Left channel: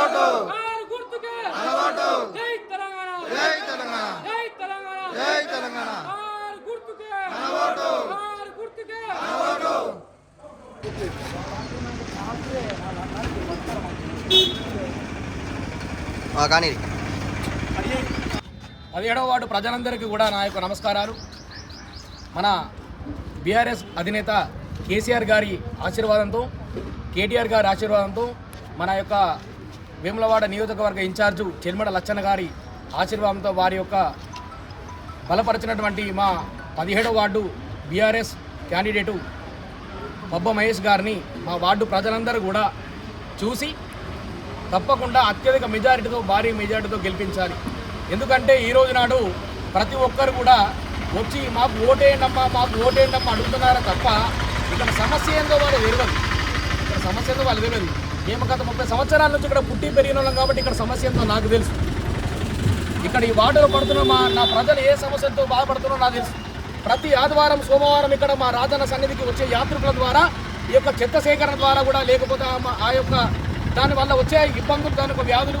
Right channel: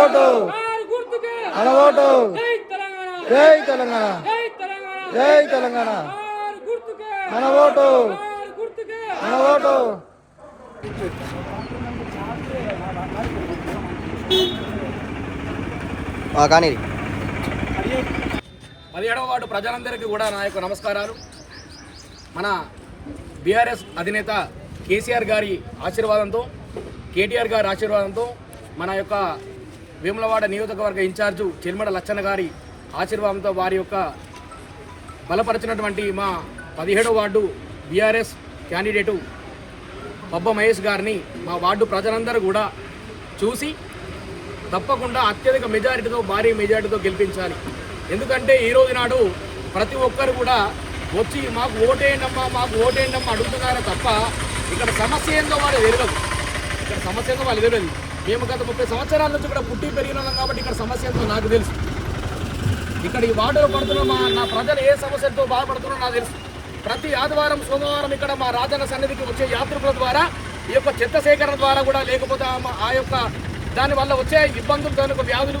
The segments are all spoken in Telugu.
ఓటు మన ఓటు జై తెలంగాణ జై తెలంగాణ మన ఓటు మన ఓటు కానీ 17వ వార్డు ప్రజలందరికీ కూడా నా యొక్క నమస్కారాలు. మన బీఆర్ఎస్ అధినేత కేసీఆర్ గారి ఆశీర్వాదంతో, కేటీఆర్ గారి ఆశీర్వాదంతో, మన యొక్క వేములవాడ నియోజకవర్గ ఇన్ఛార్జు చెల్మడ లచ్చన్న గారి ఆశీర్వాదంతో వారి యొక్క బలపరిచినటువంటి మా 17వ ward BRS candidate Pabba Mahesh గారిని మా వార్డు ప్రజలందరూ కూడా చూసి తప్పకుండా అత్యధిక మెజారిటీతో, భారీ మెజారిటీతో గెలిపించాలి. ఎందుకంటే ఈ రోజు నాడు ప్రతి ఒక్కరు కూడా వచ్చి మాకు ఓటేయండమ్మా అడుగుతున్నారే తప్ప ఇక్కడ సమస్య ఏందో వాళ్ళు తెలియదు. ఇక్కడ సమస్య ఏందో వాళ్ళు తెలియదు. మేము గత 30 సంవత్సరాల నుంచి ఇక్కడ పుట్టి పెరిగిన వాళ్ళం కాబట్టి ఇక్కడ సమస్య ఏందో నాకు తెలుసు. ఇక్కడ ఈ వార్డులో పడుతున్న నా ప్రజలు ఏ సమస్యతో బాధపడుతున్నారో నాకు తెలుసు. ప్రతి ఆదివారం, సోమవారం ఇక్కడ మా రాజన్న సన్నిధికి వచ్చే యాత్రికుల ద్వారా, ఈ యొక్క చెత్త సేకరణ ద్వారా కూడా, లేకపోతే ఆ యొక్క దానివల్ల వచ్చే ఇబ్బందులు, దాని యొక్క వ్యాధులు,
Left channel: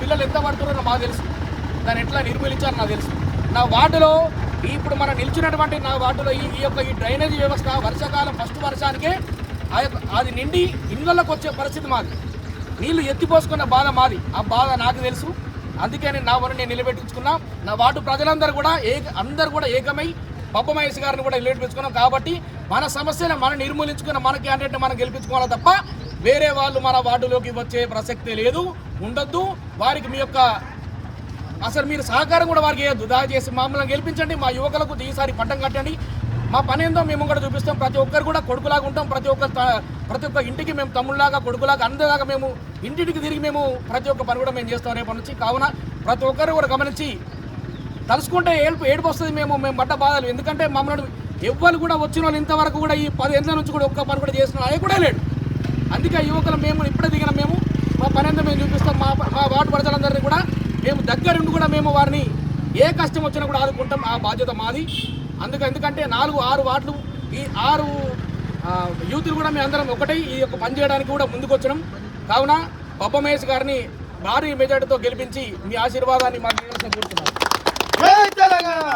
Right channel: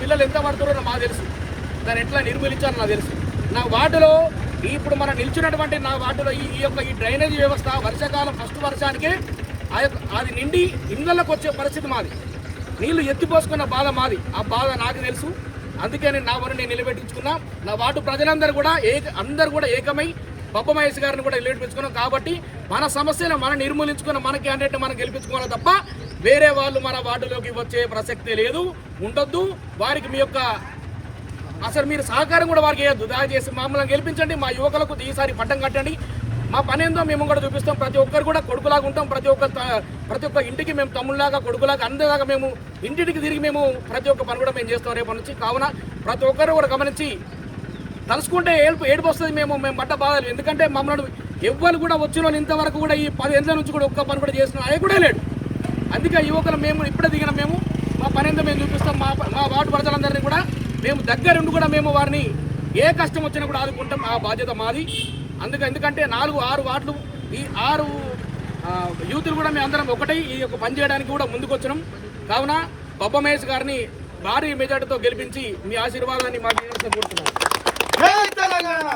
పిల్లలు ఎంత పడుతున్నారో మాకు తెలుసు. దాన్ని ఎట్లా నిర్మూలించాలో నాకు తెలుసు. నా వార్డులో ఇప్పుడు మనం నిల్చున్నటువంటి నా వార్డులో ఈ డ్రైనేజీ వ్యవస్థ వర్షాకాలం ఫస్ట్ వర్షానికే అది నిండి ఇళ్ళకి వచ్చే పరిస్థితి మాది. నీళ్లు ఎత్తిపోసుకున్న బాధ మాది. ఆ బాధ నాకు తెలుసు. అందుకే నా వరకు నేను నిలబెట్టించుకున్నా. నా వార్డు ప్రజలందరూ కూడా అందరూ కూడా ఏకమై పబ్బ మహేష్ గారిని కూడా నిలబెట్టించుకున్నాం. కాబట్టి మన సమస్యను మనం నిర్మూలించుకున్న మన క్యాండిడేట్ని మనం గెలిపించుకోవాలి తప్ప వేరే వాళ్ళు మన వార్డులోకి వచ్చే ప్రసక్తి లేదు, ఉండొద్దు. వారికి మీ యొక్క అసలు మీరు సహకారం కూడా వారికి వేయద్దు. దయచేసి మమ్మల్ని గెలిపించండి. మా యువకులకు ఈసారి పట్టం కట్టండి. మా పని ఏందో మేము కూడా చూపిస్తాం. ప్రతి ఒక్కరు కూడా కొడుకులాగా ఉంటాం. ప్రతి ఒక్క ఇంటికి మేము తమ్ముళ్ళలాగా, కొడుకులాగా, అందరిలాగా మేము ఇంటికి తిరిగి మేము ప్రతి ఒక్క పని కూడా మేము చేస్తాం రేపటి నుంచి. కావున ప్రతి ఒక్కరు కూడా గమనించి తలుసుకుంటే ఏడుపు వస్తుంది. మేము పడ్డ బాధలు. ఎందుకంటే మమ్మల్ని ఎవ్వరు కూడా వచ్చిన వాళ్ళు ఇంతవరకు కూడా ఈ 10 ఏళ్ళ నుంచి కూడా ఒక్క పని కూడా చేస్తున్నాం అదే కూడా లేడు. అందుకే యువకులు మేము ఇప్పుడే దిగిన మేము మా పని ఏందో మేము చూపిస్తాం. మా వార్డు ప్రజలందరినీ కూడా మేము దగ్గరుండి కూడా మేము వారిని ఏ కష్టం వచ్చినా కూడా ఆదుకుంటాం. ఆ బాధ్యత మాది. ఎందుకంటే 4-6 వార్డులు, ఈ 6 యూత్లు కూడా మేము అందరం ఒకటై ఈ యొక్క పని చేయడానికి కూడా ముందుకు వచ్చినాం. కావున పబ్బ మహేష్ గారిని భారీ మెజార్టీతో గెలిపించి మీ ఆశీర్వాదాన్ని మాకు కోరుతున్నాం. జై తెలంగాణ.